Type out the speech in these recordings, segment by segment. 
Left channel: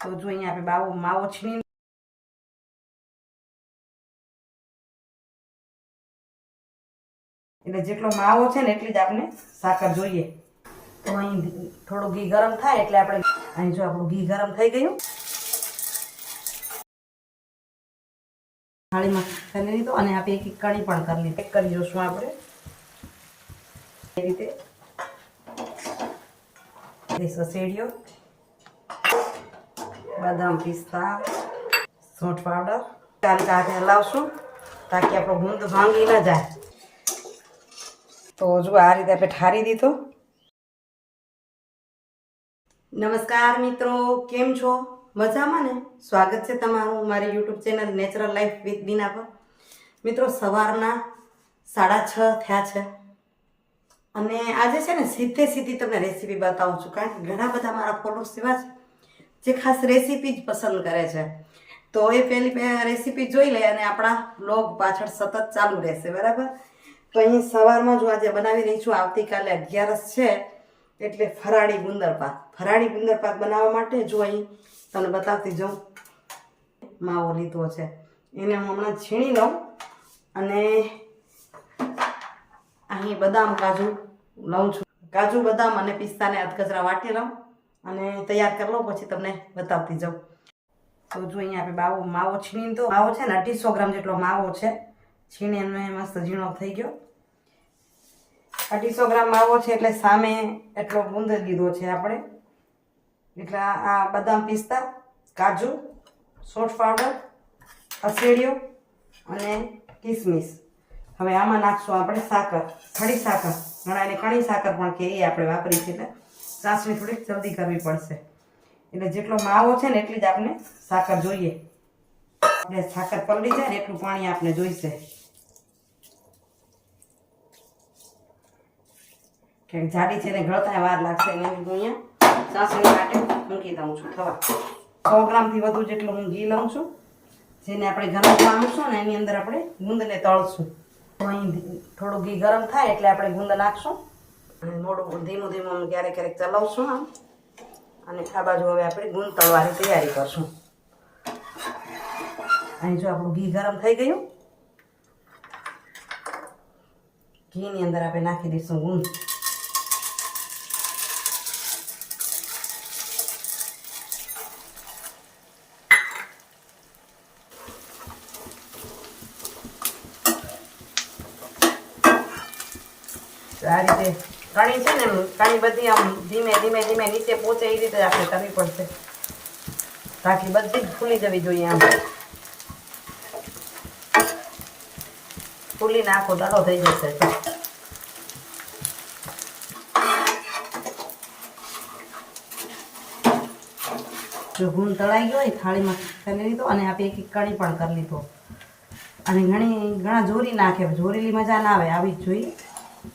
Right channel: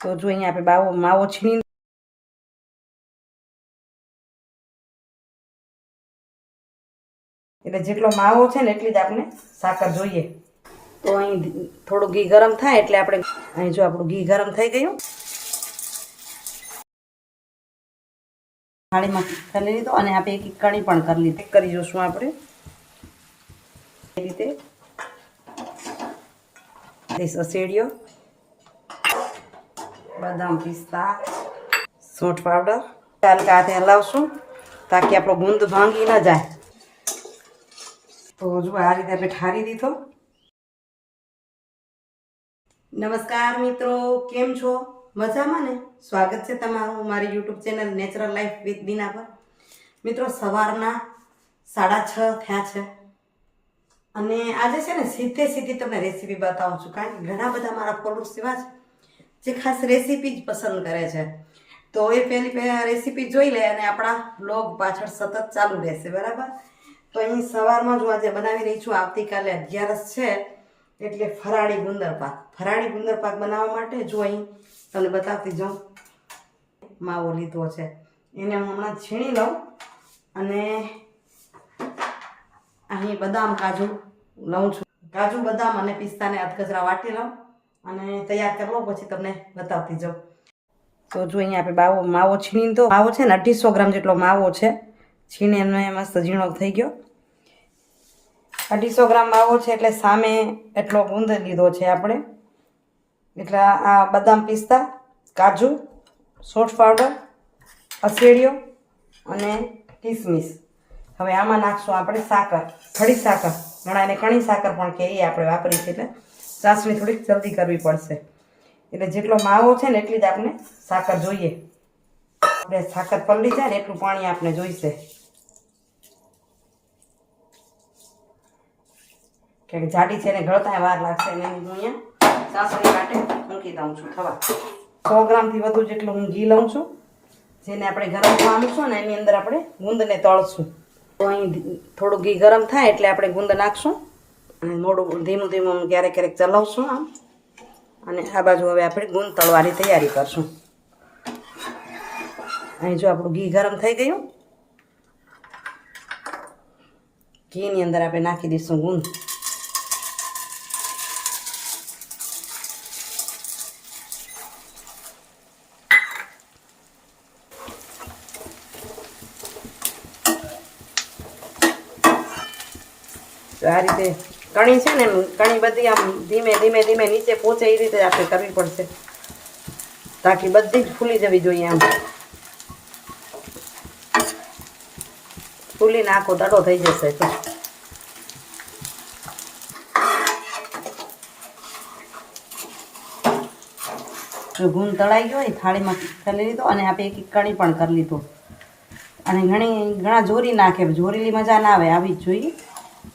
તો જો અહીંયા આપણે બાવો માવો છીણી એટલે જેટલો માવો છે ને એટલી જ આપણે સાકર જોઈએ. તો અહીં થોડું ઘી ગરમ થાય એટલે આપણે અહીં જો આપણું ઘી ગરમ થઈ ગયું. થાળીમાં કરી લીધો અને આપણે એક એક કણી પણ કરી લીધી. કરી જોશું આપણે. એ રીતે. સસેડિયો બદામ પિસ્તા સૂંઠ પાવડર ચાલ હાથે હલાવશું, તાકી આપણો ગુંદ ભાંગી ન જાય. તો જો આ રીતે આપણે ઠારી દીધો. નમસ્કાર મિત્રો, કેમ છો? મજામાં ને? સ્વાગત છે તમારું મારી YouTube channel natural life with Bina પર. મિત્રો, સવારના સાડા છ થયા છે. અને આજે છે ને સીધે સીધી તમને રેસીપી બતાવું છું. કારણ કે ઘણા બધા મારા ફોલોઅર્સ એવા છે જે ખાસ રેસીપી જ પસંદ કરે છે. તો એ પહેલી રેસીપી જોઈ લે અને આપણા બ્લોગ પાછળ સતત ચાલુ રહેશે, બરાબર? તો અહીં સવારમાં જો આજે બનાવી રહી છું, આવતીકાલે અગિયારસ છે, એટલે ફરાળી ગુંદરપાક. ફરાળી ગુંદરપાક બનાવવા માટે જો અહીં તમને બતાવતી જાઉં. માવો લીધો છે. એને હું હમણાં છીણી લઉં અને અહીં બદામ કાજુ લઉં છું. કાજુ, બદામ અને પિસ્તાને અધકચરા વાટી લઉં. અને તૈયાર કરી લઉં પછી તમને બતાવતી જાઉં. તો જો અહીંયા આપણે બાવો, માવો છીણી તો માવો છે ને અઢીસો ગ્રામ જેટલો માવો છે. છીણી એમને મસ્ત ઝીણો થઈ ગયો. અઢીસો ગ્રામ માવો છે એટલે સામે એટલો ગુંદ લીધો છે આપણે. એટલે આ બદામ પિસ્તા, કાજુ, સોટ પાવડર અસેડિયો અને કિસમિસ. હવે આમાં નાખશું આપણે સાકર, ખડી સાકર. ઘણા એને કણી સાકર પણ કે એ આપણે વાપરી છે એટલે. ચાસણી થોડીક જલ્દી કરવી પડશે. એટલે જેટલો માવો છે ને એટલી જ આપણે સાકર જોઈએ. આપણે સાકર પલળી જાય ને એટલું પાણી આપણે જોઈશે. કે જાડી છે ને ગળતા વાર લાગશે એટલે હું અહીંયા સાસણી માટે મૂકી દઉં છું, થવા. સો ગ્રામથી વધુ જેટલું હું ઘી લઉં છું. જેને આપણે ગરમ થવા ને એની અંદર આપણે ગુંદને તળશું. તો અહીં થોડું ઘી ગરમ થાય એટલે આપણે ગુંદ નાખશું. અને મોડું ધીમું ધીમું ક્યારેક ક્યારેક ચલાવશું આમ. અને આ બાજુ હવે આપણે ગુંદ તળવાની તૈયારી કરશું. અહીં જો આપણું ઘી ગરમ થઈ ગયું. ઘીની અંદર આપણે નાખી દઈશું ગુંદ આ રીતે કણી છે ને કણી બધી આમ ધીમે ધીમે ધીમે નીચે પહોંચે એ રીતે આપણે કરવી પડશે તાકી બધી જ ફૂલી જવી જોઈએ આમ. ફૂલીને આખો દાડો થઈ જશે જો ગુણ તળાઈ ગયો હોય થાળીમાં કરી લીધો અને આપણે એક એક કણી પણ કરી લીધો. અને ઘણી, ઘણા જોરી નાખે, જોરેલી મજા ના આવે, આવી જ જોઈએ.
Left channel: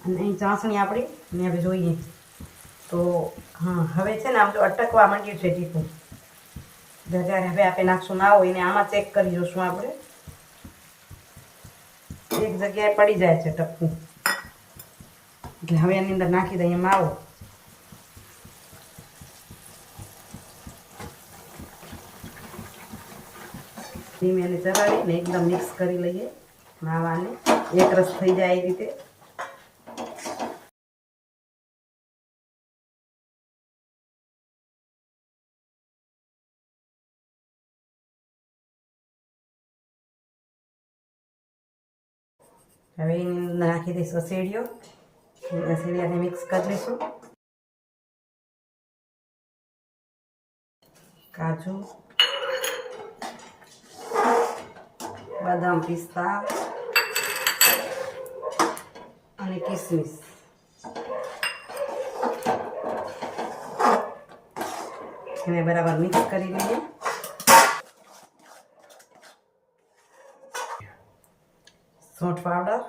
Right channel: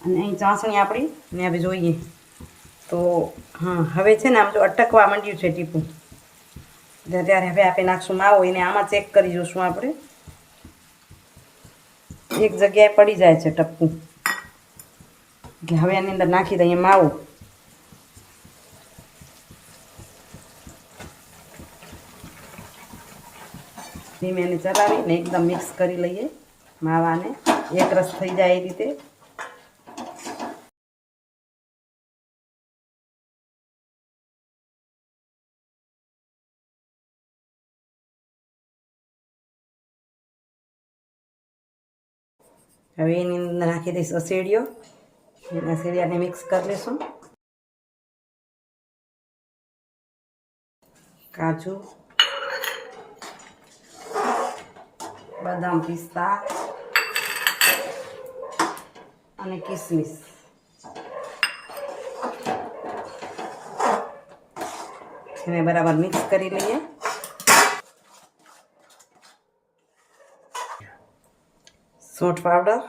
અને અહીં ચાસણી આપણી, ને હવે જોઈએ. તો, હા, હવે છે ને આમ જો અટકવા માંડ્યું છે ટીપું. ત્યારે હવે આપણે નાખશું માવો, એને આમાં ચેક કરી જોશું આપણે. એક જગ્યાએ પડી જાય છે ટપકું. એટલે હવે એની અંદર નાખી દઈએ માવો. ધીમે એને ચલાવીને એકદમ મિક્સ કરી લઈએ માવાને. એક રસ થઈ જાય એ રીતે. હવે એની અંદર નાખી દઈશ અસેડિયો. અસેડિયાને મિક્સ કરી લઈશું. કાજુ. બદામ પિસ્તા. અને કિસમિસ. એને બરાબર મિક્સ કરી લઈએ. સૂંઠ પાવડર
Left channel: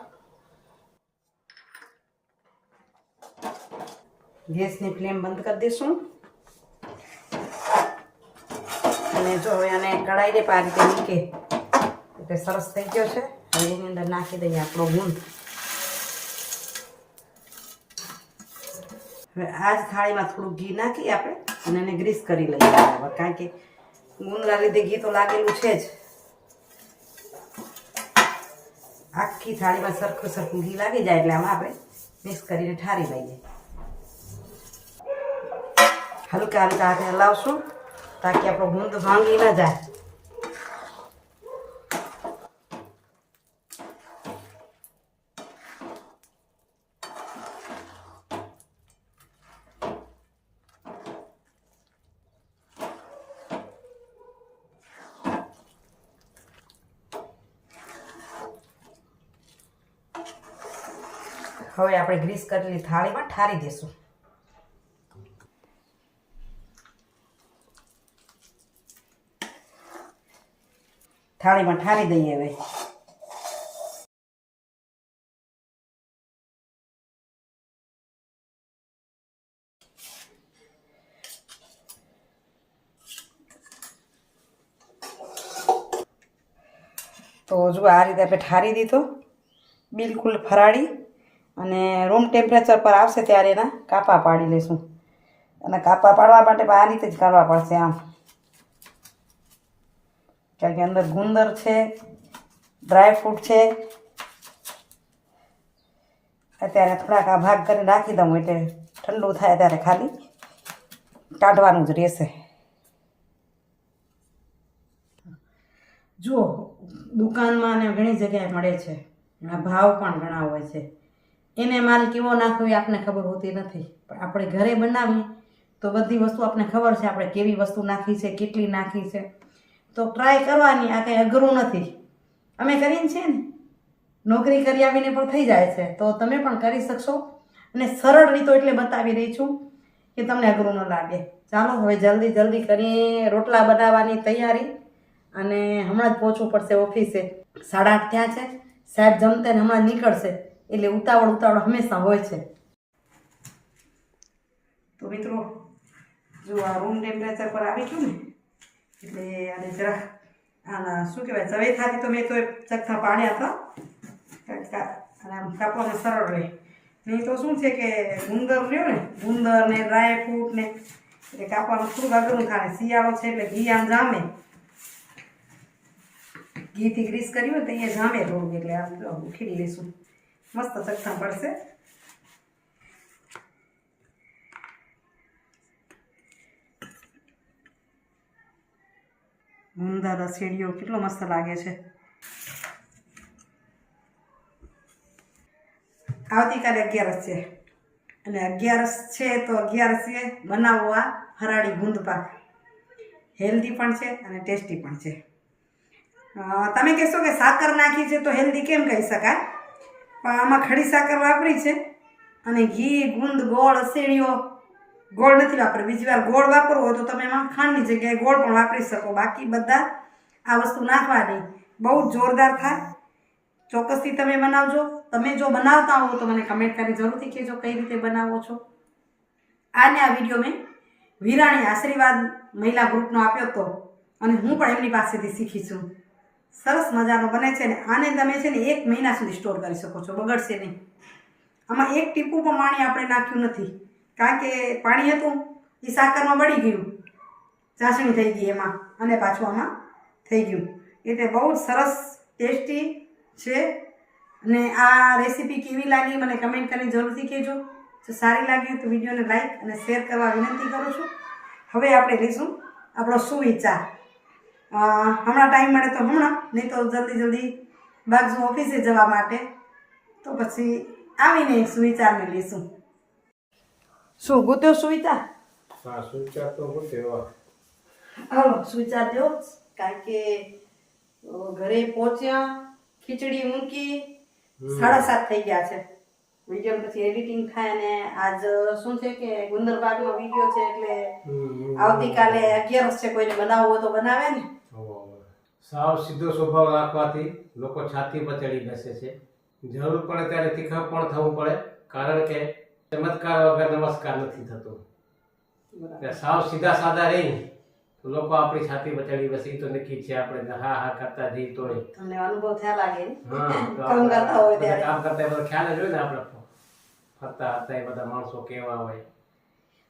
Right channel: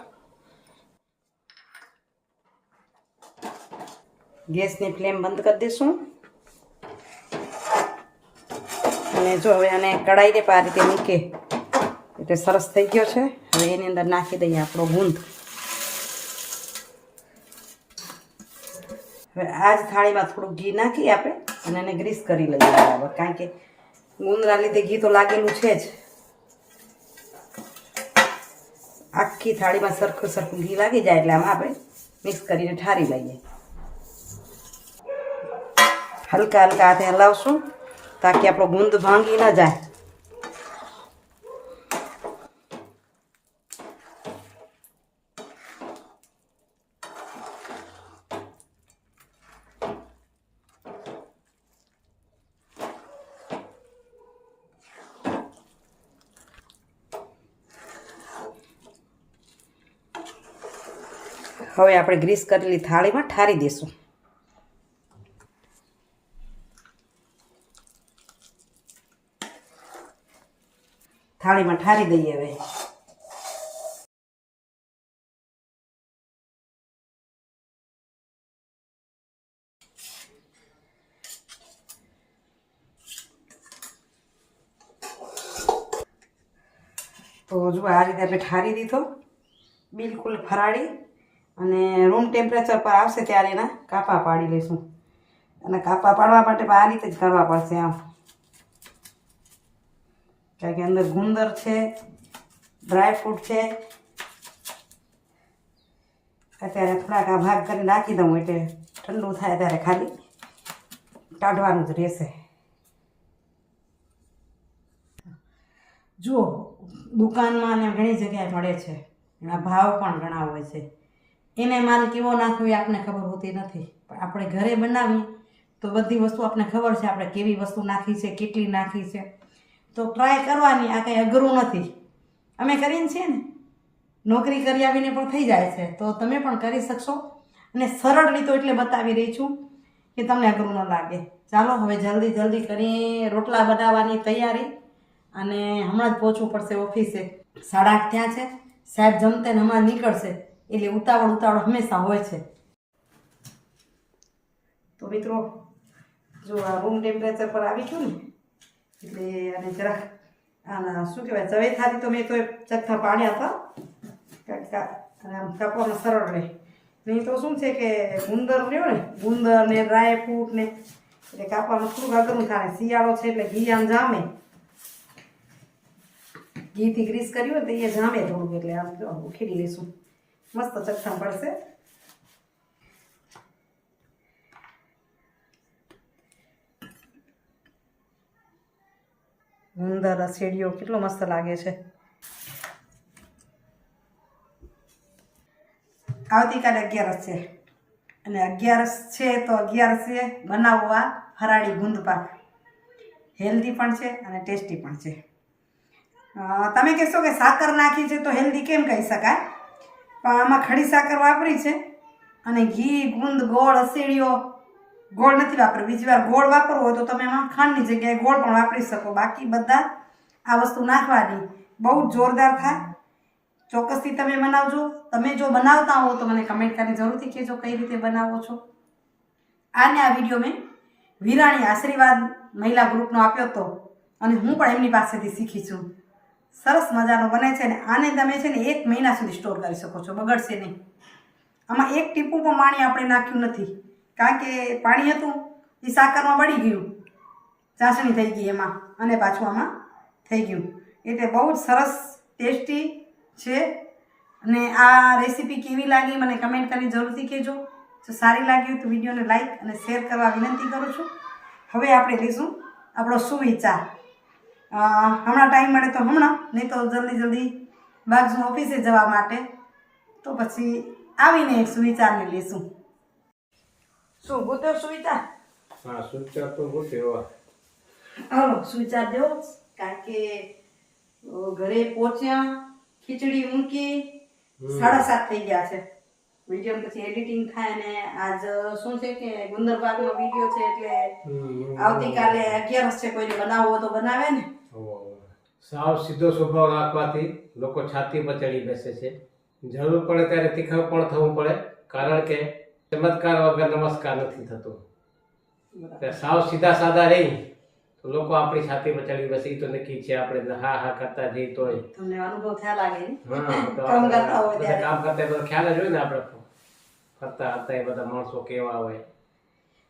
ગેસની ફ્લેમ બંધ કરી દઈશું અને જો હવે આને કડાઈને આ રીતે મૂકે એટલે સરસ થઈ ગયો છે હવે એની અંદર નાખી દઈએ આપણો ગુંદ હવે આ જ થાળીમાં થોડું ઘી નાખી આપણે અને એને ગ્રીસ કરી લઈએ બરાબર કારણ કે ગુંદરા લીધે ઘી તો લાગેલું છે જ. આખી થાળીમાં સરખું સરખું ઘી લાગી જાય એટલે આમાં આપણે મિક્સ કરીને ઠારી લઈએ. હલકા હલકા હાથે હલાવશું, તાકી આપણો ગુંદ ભાંગી ન જાય. હવે આપણે ગ્રીસ કરેલી થાળીમાં ઠારી દઈશું. થાળીમાં ઠારી દઈએ હવે. તો જો આ રીતે આપણે ઠારી દીધો, બિલકુલ ફરાળી. અને રૂમ ટેમ્પરેચર પર આવશે ત્યારે એના કાપા પાડી લઈશું અને કાપા પાડવા માટે આ રીતે જ કરવા પડશે આમ. કારણ કે અંદર ગુંદર છે ડ્રાયફ્રૂટ છે. અત્યારે થોડાક આ ભાગ કરીને રાખી દઉં એટલે ઠંડુ થાય ત્યારે ખાલી કાઢવાનું જ રહેશે. જુઓ, દુકાનમાં અને ઘણી જગ્યાએ મળે છે. એના ભાવ પણ ઘણા હોય છે. એને માલ કેવો નાખવો એ આપણને ખબર હોતી નથી. પણ આપણે ઘરે બનાવીએ તો બધી વસ્તુ આપણને ખબર છે આપણે કેવી વસ્તુ નાખી છે, કેટલી નાખી છે. તો ટ્રાય કરવાની, આ કંઈ અઘરું નથી. અમે કરીને છીએ ને? નોકરી કરી આવીને પણ થઈ જાય છે. તો તમે પણ કરી શકશો. અને સરળ રીતો એટલે બતાવી રહી છું કે તમને અઘરું ન લાગે. ચાલો, હવે જલ્દી જલ્દી કરી રોટલા બનાવવાની તૈયારી. અને હમણાં જ પહોંચવું પડશે ઓફિસે. સાડા આઠ ત્યાં છે. સાહેબ જમતે ને હમણાં નીકળશે. એટલે ઉતાવળ ઉતાવળ હંમેશા હોય છે. તો મિત્રો, જો આ રૂમ ટેમ્પરેચર પર આવી ગયું ને, એટલે આને જરાક આના શું કહેવાય, ચવેથાથી તો મેં તો ચખા પાડ્યા હતા. આમ કાપવામાં સરળ રહે. નહીં તો શું છે કે ગુંદર રહ્યો ને, ગુંદર ને ડ્રાય ફ્રૂટ ને, એટલે કાપવાનું થોડુંક અઘરું થાય શિયાળો છે એટલે ઘી આમ જામે. ઘીથી ગ્રીસ કર્યું હોય તો એ જામે થોડુંક, એટલે આમ ઉખેડી લઈશું મસ્ત ચખ્ખા પડશે ગુંદર રસેડીઓ કેટલો મસ્ત લાગે છે. આવતીકાલે અગિયારસ છે. અને અગિયારસ છે તો અગિયારસે બનાવવો આ હરાળી ગુંદ પાક. હેલ્ધી પણ છે અને ટેસ્ટી પણ છે. તમે કહેશો કે સાકર નાખી છે તો હેલ્ધી કેમ કહી શકાય? પણ આમાં ખડી સાકર વાપરી છે. અને ઘી, ગુંદ, ગોળ અસેડીઓ ગોળ નથી વાપરવી. બીજી વાર ગોળ વાપરવો હોય તો તમે એમાં ખાંડની જગ્યાએ ગોળ પણ વાપરી શકો. બાકી બધા આ વસ્તુ નાખવાની બહુ જ જોરદાર થાય. ચોક્કસથી તમે બનાવજો. તમે જો બનાવતા હો તો મને કમેન્ટ કરીને જરૂરથી કહેજો કઈ રીતે બનાવો છો. આને આ વીડિયો મેં વિરાણી આશીર્વાદ મહિલા ગ્રુપનો આપ્યો હતો. અને હું પણ એમની પાસેથી શીખી છું. સરસ મજાનો બને છે ને આને તમે છે ને એક મહિના સુધી સ્ટોર કરી શકો છો, બગડશે નહીં. આમાં એક ટીપું પણ પાણી આપણે નાખ્યું નથી. કારણ કે પાણી હતું એ સાકરમાં બળી ગયું. ચાસણી થઈ ગઈ એમાં અને પાછું આમાં થઈ ગયું. એટલે બહુ જ સરસ, ટેસ્ટી છે. અને આ રેસીપી કેવી લાગી મને કમેન્ટ કરીને જરૂરથી કહેજો. જો સારી લાગી તો વિડીયોને લાઈક અને શેર કરવા વિનંતી કરું છું. હવે આપણે લઈશું આપણો સુવિચાર હમણાં ટાઈમ મળે તો હમણાં નહીં તો જલ્દી જલ્દી બાજુ ઓફિસે જવા માટે. તો પછી આવીને એક સુવિચારને લેશું શું ગોત્યો સુવિચાર? હા સુવિચાર તો ગોત્યો. હાલો સુવિચાર દેવો કારણ કે ઘરે પહોંચ્યા ખીચડી મૂકી સાડા સાત થઈ ગયા છે. વીડિયો પછી એડિટિંગ થાય ને આજ શું છે કે ગુંદર બાગનો વીડિયો છે એટલે આવતીકાલે અગિયારસ છે કોઈને બનાવવો તો બનાવે ને. સાવ સીધો સ્વભાવ રાખવાથી લોકો છાતી ચડી બેસે છે. જરૂર પડે ત્યારે તીખા પણ થવું પડે કારણ કે ચમત્કાર વગર નમસ્કાર નથી થતો. સાવ સીધા સાદા રહી તો લોકો આપણી છાતી પર ચડી બેસે તો નક્કી છે આપણે હા હા કરતા જઈ તમને અનુભવ થયા લાગે તો કામ કરતા હોય કામ કરતા બધો ખ્યાલ જ હોય ને આપણે ફરતા હતા એ બધા માણસો કેવા હોય.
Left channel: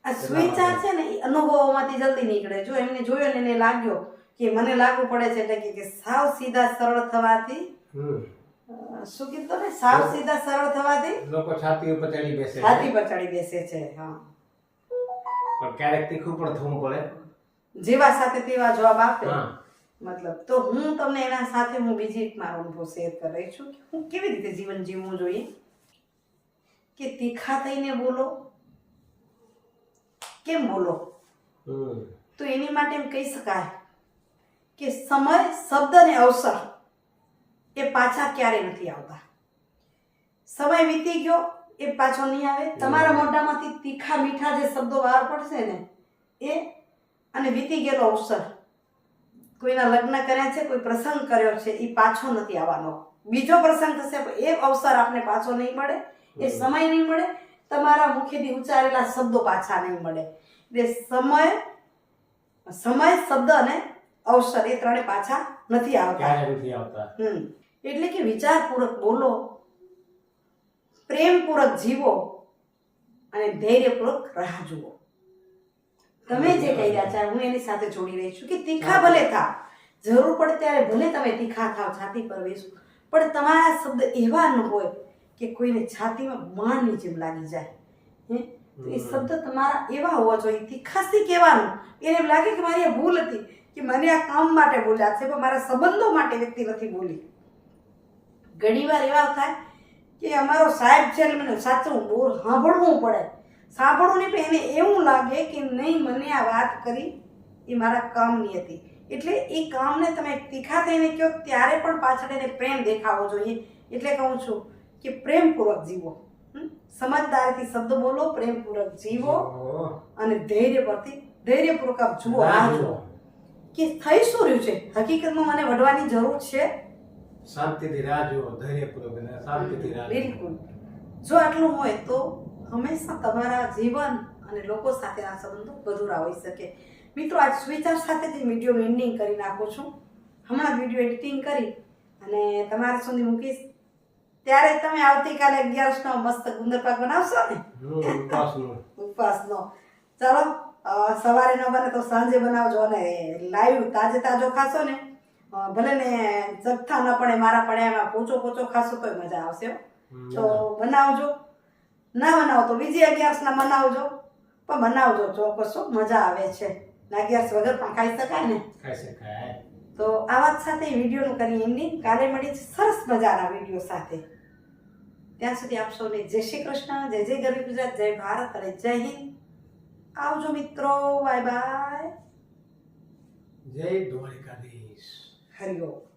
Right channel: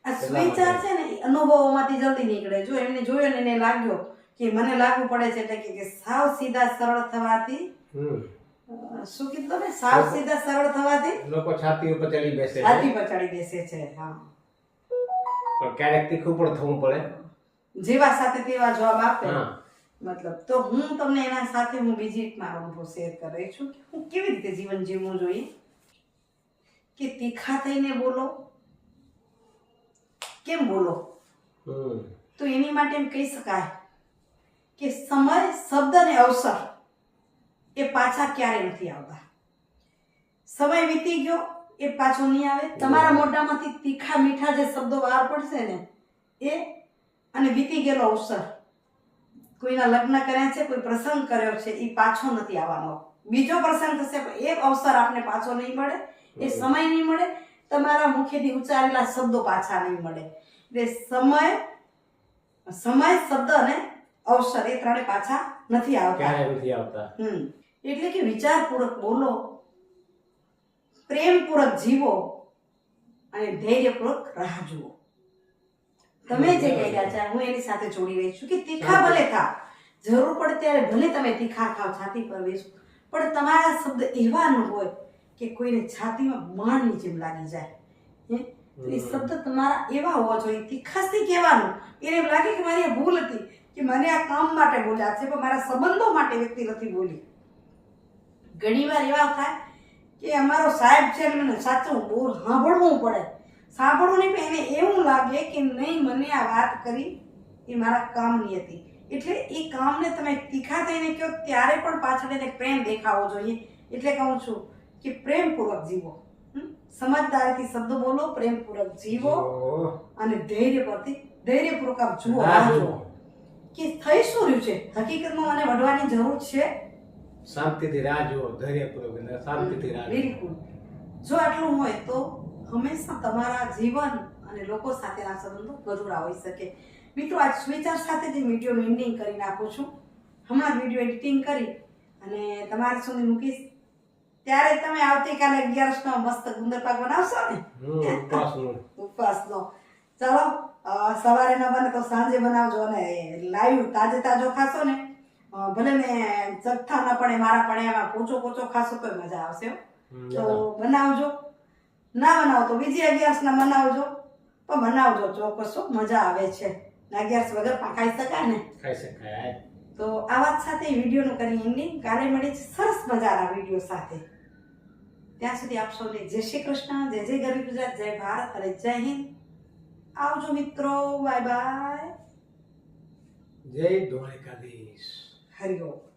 આ સુવિચાર છે ને અનુભવોમાંથી જલ્દી નીકળે. જો એમને જોયો ને એને લાગ્યો કે મને લાગુ પડે છે એટલે કે- સાવ સીધા સરળ થવાથી શું કીધું ને સાવ સીધા સરળ થવાથી? લોકો છાતી ઉપર ચડી બેસે છે. છાતી પર ચડી બેસે છે હા. પણ ક્યારેક તીખું પણ થવું પડે. જેવા સાથે તેવા જવાબ આપે. મતલબ તો હું તમને એના સાથે હું બીજી એક મારો અનુભવ શેર કરી છું કે હું કેવી રીતે જીવન જીવવું જોઈએ? કે તીખા થઈને બોલો. કેમ બોલો? તો એની માટે એમ કહી શકાય કે સમય શબ્દ અને અવસર એ પાછા ક્યારે નથી આવતા? સમય વીતી ગયો એ પાછો નહીં આવે. તમારા મોઢામાંથી તીખા મીઠા જે શબ્દો બહાર પડશે ને એ અને વીતી ગયેલો અવસર કોઈના લગ્ન કર્યા છે કોઈ પ્રસંગ કર્યો છે એ પાછો નથી આવવાનો. બીજો પ્રસંગ થશે પણ એ અવસર આપને પાછો નહીં મળે એ સમય નહીં મળે તમારા મુખેથી ઉચ્ચારેલા શબ્દો પાછા નહીં મળે. એટલે સમય સમય શબ્દ અને અવસર એ ત્રણે પાછા નથી આવતા. નથી આવતા. હમ. એટલે કે વિચારપૂર્વક બોલો પ્રેમપૂર્વક જીવો અને ધૈર્યપૂર્વક રાહ જુઓ. તમે જે કહી રહ્યા છે હું એની સાથે જોડી રહી છું કે તીખા ભલે થા જરૂર પડે ત્યારે ભલે તમે તીખા ખાવ છાતી પર બેસો. પણ તમારા શબ્દ એવા ન હોય કે કોઈને છાતીમાં માણની જેમ લાગી જાય. એ શબ્દ તમારા એવા હોવા જોઈએ. તીખાસથી કહેવાનું. એને એમ લાગે કે મારી ભૂલ હતી. કે મને આ કામ માટે બોલ્યા છે પણ મારા સંબંધો માટે વ્યક્તિ નથી બોલી. ઘણીવાર એવા થાય કે અમારો સાહેબ છે ને મને સાચું બોલ સાંભળવું પડે. સાંભળવું નહીં પણ એને એવું લાગે કે નહીં મને આ વાત કરી એ મારા કામની હતી. એટલે એ કામને તમે તીખા થઈને કહો ત્યારે પણ પાછળ એને પ્રેમ દેખાવો જોઈએ. એટલે કહું છું કે પ્રેમપૂર્વક જીવો? સમજદારીથી શબ્દ બોલો પ્રેમપૂર્વક જીવો અને ધૈર્ય પરથી ધૈર્યપૂર્વક જુઓ રાહ જુઓ. કે થઈ શું રહ્યું છે? હકીકતમાં મને વઢવાની જરૂર છે? શાંતિથી રાહ જુઓ ધૈર્યપૂર્વક અને શાંતિથી રાહ બિલકુલ. જો આટલું હોય તો હંમેશા તમારા જીવન અને લોકો સાથેના સંબંધો ગધુરા હોઈ શકે. મિત્રો આજ સુવિચાર સાથે જ વિડીયોનું એન્ડિંગ કરી નાખું છું. હમણાં વીડિયો એડિટિંગ કરી અને તમારા સુધી મૂકીશ. ત્યારે તમે આવતીકાલે અગિયારસનો મસ્ત ગુંદર પાક બનાવશો ને? ઉપવાસ ઉપવાસનું ચાલો સવારે ન બને તો સાંજે બનાવજો અને લાઈવ તાજે તાજો ખાશો ને. ભલે ને જથ્થા ન પડે મારા પડે એમાં પોચો પોચો ખાશો તો મજા આવશે. તો બનાવજો. ના બનાવો તો બીજી અગિયારસના બનાવજો. પણ બનાવજો ચોક્કસ મજા આવે છે. અગિયારસ વગર પણ ખાઈ શકાય ને. ખાઈ શકાય. તો આ વાત સાથે વિડીયોનું કરી એન્ડિંગ કાલે મળી સરસ મજાના વીડિયો સાથે. ત્યાં સુધી આપ સૌને જય શ્રી કૃષ્ણ જય જય ગરવી ગુજરાત જય ભારત અને જય હિન્દ. આવજો મિત્રો બાય બાય. જય દ્વારકાધીશ. હરિઓમ